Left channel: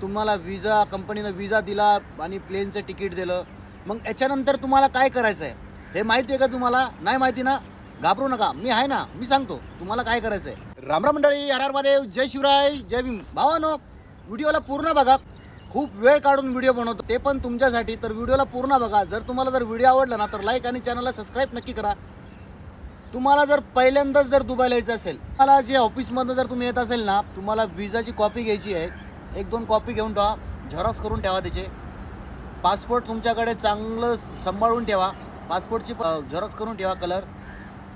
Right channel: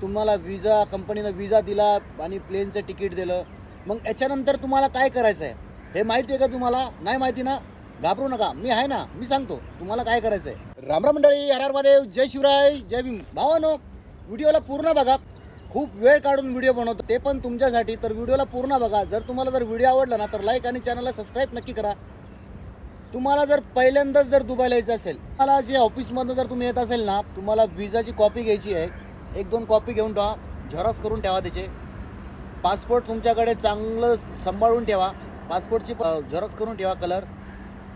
तुम्हाला विजा कंपनीनं विजा दिला आणि प्लेनचं तिकीट दिलं. मग याच्यानंतर तुम्हाला काय करायचं आहे हे माहिती आहे का तुम्हाला? नाही माहिती ना? घाबरू नका. मी आहे ना? मी सांगतो. तुम्हाला काय करायचं आहे रामराम मंडळी आर आर महादेव जय शिवराय जय भीम. भावानो व्हिडिओला पूर्ण बघा. खूप वेळ काढून व्हिडिओ बनवतो. ते पण तुमच्यासाठी. तर व्हिडिओला पूर्ण बघा. जर तुम्हाला जर व्हिडिओ आवडला ना तर लाईक आणि चॅनलला सबस्क्राईब नक्की करा. तुम्हाला जर पहिल्यांदाच जर दुबईला यायचं असेल तुम्हाला जे ऑफिसमधनं जर तुम्ही येत असेल ना तुम्हाला विजाची कॉपी घ्यायची आहे. एक दोन कॉपी घेऊन ठेवा. झेरॉक्स करून ठेवा त्याचे. पासपोर्ट तुमच्याकडे चांगलं सांभाळून ठेवा. पासपोर्टची झेरॉक्स करून ठेवा कलर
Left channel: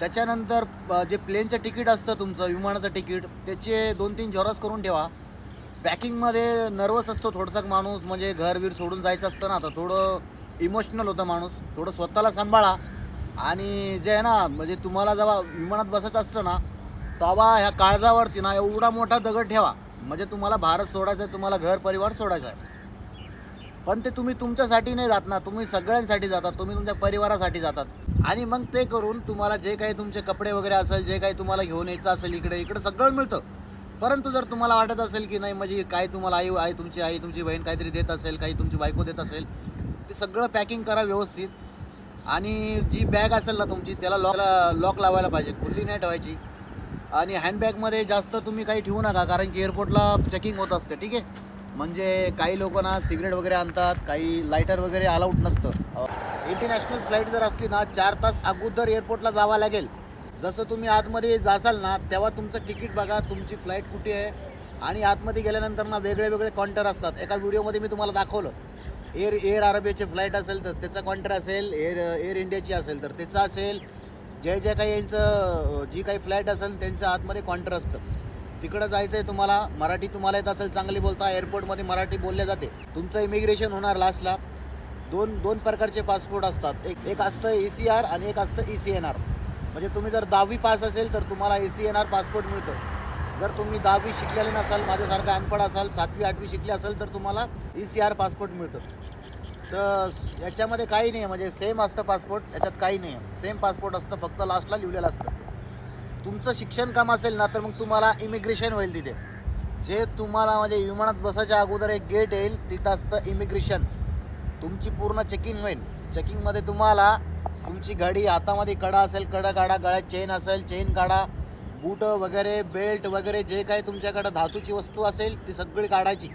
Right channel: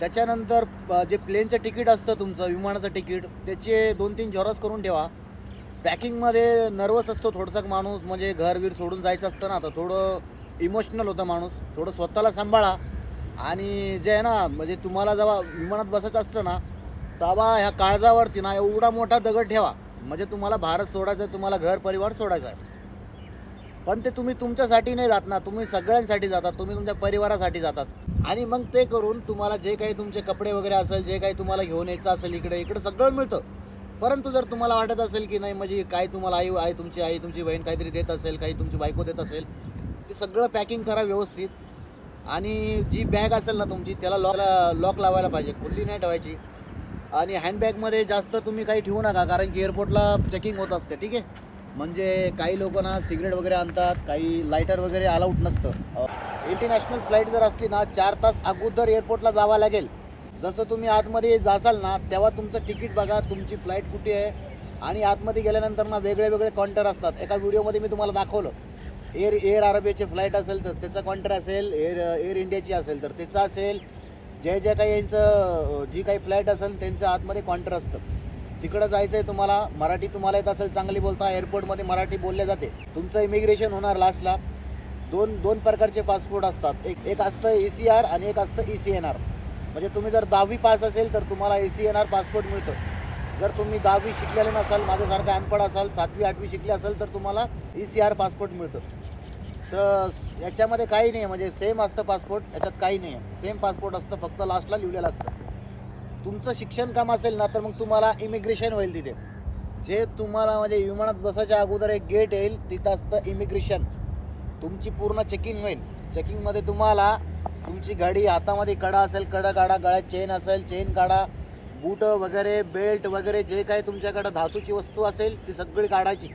त्याच्यानंतर जे प्लेनचं तिकीट असतं तुमचं विमानाचं तिकीट त्याचे दोन तीन झेरॉक्स करून ठेवा. पॅकिंगमध्ये नर्वस असतो थोडंसं माणूस म्हणजे घर वीर सोडून जायचं असतं ना तर थोडं इमोशनल होतं माणूस. थोडं स्वतःला सांभाळा. आणि जे आहे ना म्हणजे तुम्हाला जेव्हा विमानात बसायचं असतं ना तेव्हा ह्या काळजावरती ना एवढा मोठा दगड ठेवा. म्हणजे तुम्हाला भारत सोडायचं आहे तुम्हाला घर परिवार सोडायचा आहे. पण ते तुम्ही तुमच्यासाठी नाही जात ना तुम्ही सगळ्यांसाठी जातात तुम्ही तुमच्या परिवारासाठी जातात. आणि मग ते करून तुम्हाला जे काही तुमचे कपडे वगैरे असेल जे काही तुम्हाला घेऊन यायचं असेल इकडे इकडे सगळं मिळतं. परंतु जर तुम्हाला वाटत असेल की नाही म्हणजे काय तुम्हाला आई आई तुमची आई तुमची बहीण काहीतरी देत असेल काही तुमची बायको देत असेल ते सगळं पॅकिंग करा व्यवस्थित. आणि जी बॅग असेल ना तुमची त्याला लॉक लॉक लावायला पाहिजे. खुल्ली नाही ठेवायची. आणि हँडबॅगमध्ये जास्त तुम्ही काही ठेवू नका कारण की एअरपोर्टला चेकिंग होत असते ठीक आहे? म्हणजे काही लोक ना सिगरेट वगैरे आणतात काही लायटर वगैरे अलाउड नसतं. इंटरनॅशनल फ्लाईट जर असली ना चार तास अगोदर एअरपोर्टला जावं लागेल. जसं तुम्ही आतमध्ये जासाल ना तेव्हा तुमचं तिकीट बघा तुमची फ्लाईट कुठे आहे. आणि आतमध्ये गेल्यानंतर ना वेगळे वेगळे काउंटर असतात. एका व्हिडिओमध्ये मी तुम्हाला दाखवलं. एअर एअर अरेबियाची फ्लाईट असेल तर त्याचा काउंटर असेल एअर एअर इंडियाची असेल तर त्याचा असेल. जे जे काही यांचं जी काही फ्लाईट असेल त्यांच्या आतमध्ये काउंटर असतं. तिकडं जायचं आहे तुम्हाला मराठी तुम्हाला येत असेल चांगली बोलता एअरपोर्टमध्ये मराठी बोलले जाते. तुमचं इमिग्रेशन होणार लास्टला. दोन दोन प्रकारचे पासपोर्ट असतात. एक एक असतं ए सी आर आणि एक असतं ई सी एन आर. म्हणजे तुम्ही जर दहावी पास असेल तर तुम्हाला A C N R passport मिळतं. जर तुम्ही दहावी शिकलेले नसाल माझ्यासारखं अनपड असाल सातवी आठवी शिकले असाल तर तुम्हाला ई सी आर पासपोर्ट मिळतं. तर याच्यामध्ये काही नाही आहे म्हणजे सेम असतं पासपोर्ट याच्यात काही नाही. आहे सेम पासपोर्ट असतं फक्त लास्टला लिहिलेलं असतं. तुमचं शिक्षण काम असेल ना तर मग तुम्हाला इमिग्रेशन होईल तिथे. जे तुम्हाला म्हणजे विमानात बसायच्या अगोदर एक गेट येईल तिथं असतं इमिग्रेशन तुमची पूर्ण चेकिंग होईल. चेकिंगमध्ये तुम्हाला तुमची गाडी हातामध्ये कडा असेल कडा काढा गळ्यात चेन असेल चेन काढा बूट वगैरे बेल्ट वगैरे जे काही तुमच्याकडं धातूची वस्तू असेल ती सगळी काढायची.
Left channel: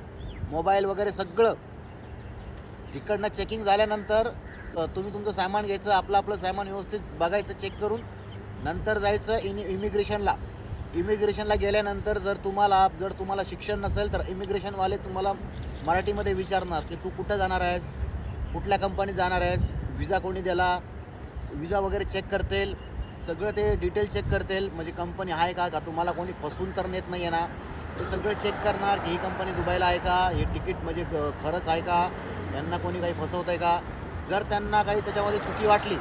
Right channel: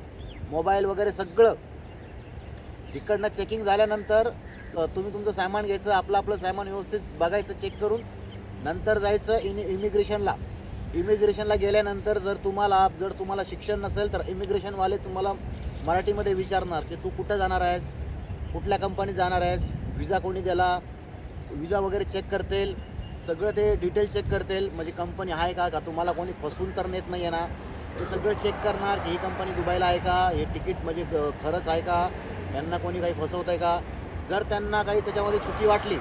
मोबाईल वगैरे सगळं. तिकडनं चेकिंग झाल्यानंतर तुम्ही तुमचं सामान घ्यायचं आपलं आपलं सामान व्यवस्थित बघायचं चेक करून नंतर जायचं इन इमिग्रेशनला इमिग्रेशनला गेल्यानंतर जर तुम्हाला जर तुम्हाला शिक्षण नसेल तर इमिग्रेशनवाले तुम्हाला मराठीमध्ये विचारणार की तू कुठं जाणार आहेस? कुठल्या कंपनीत जाणार आहेस? विजा कोणी दिला विजा वगैरे चेक करतील? सगळं ते डिटेल चेक करतील. म्हणजे कंपनी आहे का? का तुम्हाला कोणी फसून तर नेत नाही आहे ना? ते सगळं चेक करणार की ही कंपनी दुबईला आहे का? हे तिकीट म्हणजे खरंच आहे का? यांना कोणी काही फसवत आहे का? जर त्यांना काही त्याच्यामध्ये चुकी वाटली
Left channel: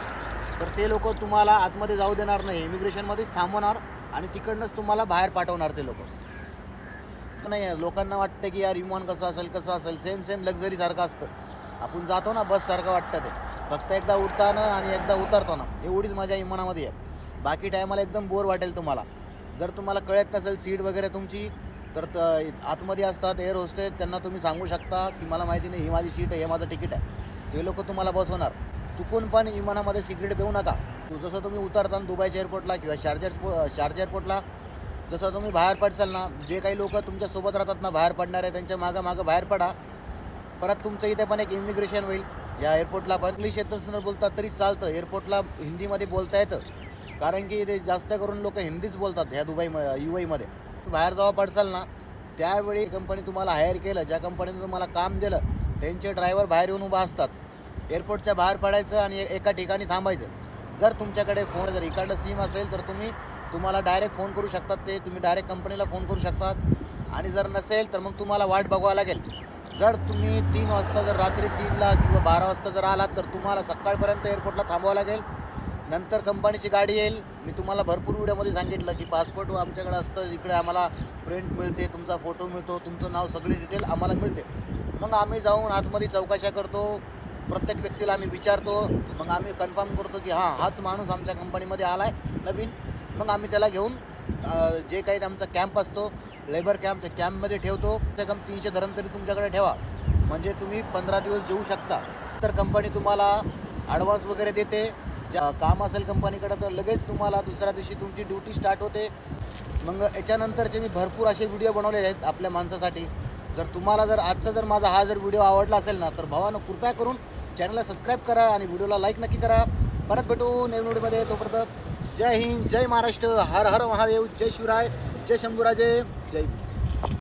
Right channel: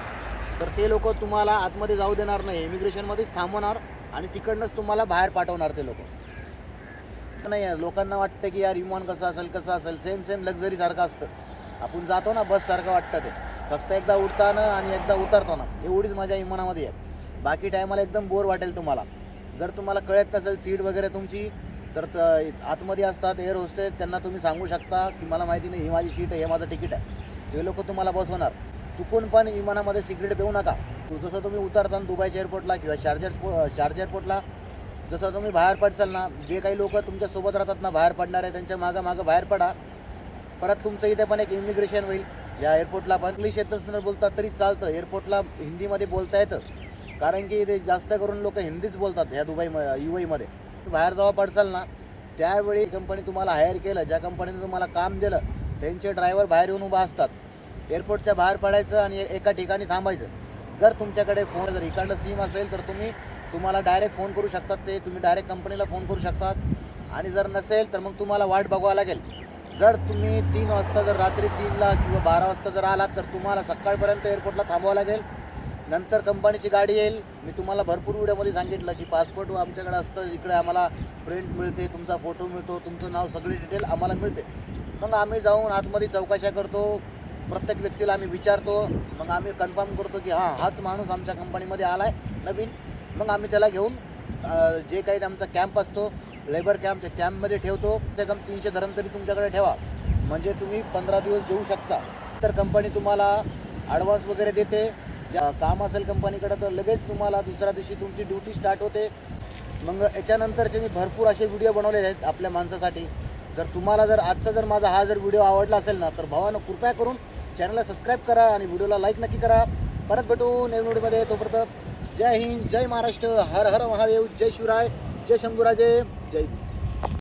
तर ते लोक तुम्हाला आतमध्ये जाऊ देणार नाही. इमिग्रेशनमध्येच थांबवणार आणि तिकडनंच तुम्हाला बाहेर पाठवणार ते लोक. नाही लोकांना वाटतं की यार विमान कसं असेल कसं असेल? सेम सेम लक्झरी सारखं असतं. आपण जातो ना बस सारखं वाटतं ते. फक्त एकदा उडताना आणि एकदा उतरताना. एवढीच माझ्या विमानामध्ये आहे. बाकी टायमाला एकदम बोर वाटेल तुम्हाला. जर तुम्हाला कळत नसेल सीट वगैरे तुमची तर आतमध्ये असतात एअर होस्टेस त्यांना तुम्ही सांगू शकता की मला माहिती नाही ही माझी सीट आहे हे माझं तिकीट आहे. ते लोक तुम्हाला बसवणार चुकून पण विमानामध्ये सिगरेट पिऊ नका. जसं तुम्ही उतरताना दुबईच्या एअरपोर्टला किंवा शार्जर शार्ज शार्जा एअरपोर्टला जसं तुम्ही बाहेर पडसाल ना जे काही लोक तुमच्यासोबत राहतात ना बाहेर पडणार आहे त्यांच्या मागं मागं बाहेर पडा. परत तुमचं इथे पण एक इमिग्रेशन होईल. या एअरपोर्टला पण इंग्लिश येतच न बोलतात तरी चालतं. एअरपोर्टला हिंदीमध्ये बोलता येतं. कारण की इथे जास्त करून लोक हिंदीच बोलतात ह्या दुबई यू आयमध्ये बाहेर जावं पडसाल ना. त्यावेळी कंपनी तुम्हाला हायर केलं ज्या कंपनीने तुम्हाला काम दिलं त्यांचे ड्रायव्हर बाहेर येऊन उभा असतात. एअरपोर्टच्या बाहेर पडायचं आणि एका ठिकाणी थांबायचं. जर तुमच्याकडे फोन जर इकडलं सिम असेल तर तुम्ही तुम्हाला डायरेक्ट फोन करू शकतात ते. तुम्ही डायरेक्ट कंपनीला फोन करू शकतात. आणि जर नसेल तर मग तुम्हाला वाट बघावं लागेल. जर तुम्ही तीन वाजता जर रात्री तीनला किंवा बारा वाजता जर आलात तर तुम्हाला सकाळपर्यंत एअरपोर्टला थांबावं लागेल. नंतर कंपनीची गाडी येईल. मी तुम्हाला भरपूर व्हिडिओमध्ये सांगितलं की पासपोर्ट आमच्याकडे असतं इकडे आम्हाला प्रिंट मिळते तुमचा फोटो मिळतो तुमचं नाव सगळी डिटेल आम्हाला मिळते. मग आम्ही जाऊन आतमध्ये चौकशा करतो प्रत्येक व्यक्तीला आम्ही विचारतो मग आम्ही कन्फर्म करतो की हां हाच माणूस आमच्या कंपनीमध्ये आला आहे नवीन. मग आम्ही त्याला घेऊन जे काही आमचा कॅम्प असतो लेबर कॅम्प ते कॅम्पमध्ये ठेवतो. ते कम तीनशे धरण तरी तुमच्याकडे ठेवा. म्हणजे तुम्ही पंधरा दिवस जेऊ शकता. तर कंपनी तुम्हाला ॲडव्हान्स वगैरे देते. ज्या काम असेल कंपनीकडं तर लगेच तुम्हाला दुसऱ्या दिवशी तुमची ड्युटी स्टार्ट होते. मग याच्यानंतरचे मी भरपूर असे व्हिडिओ बनवलेले आहेत आपल्या माणसासाठी. जर तुम्हाला जर आजचा जर माझा हा जर व्हिडिओ आवडला असेल ना तर भावानं कृपया करून चॅनलला सबस्क्राईब करा आणि व्हिडिओला लाईक नक्की करा. परत भेटू नवीन व्हिडिओमध्ये. तोपर्यंत जय हिंद जय महाराष्ट्र हर हर महादेव जय शिवराय जय शंभूराजे जय भीम.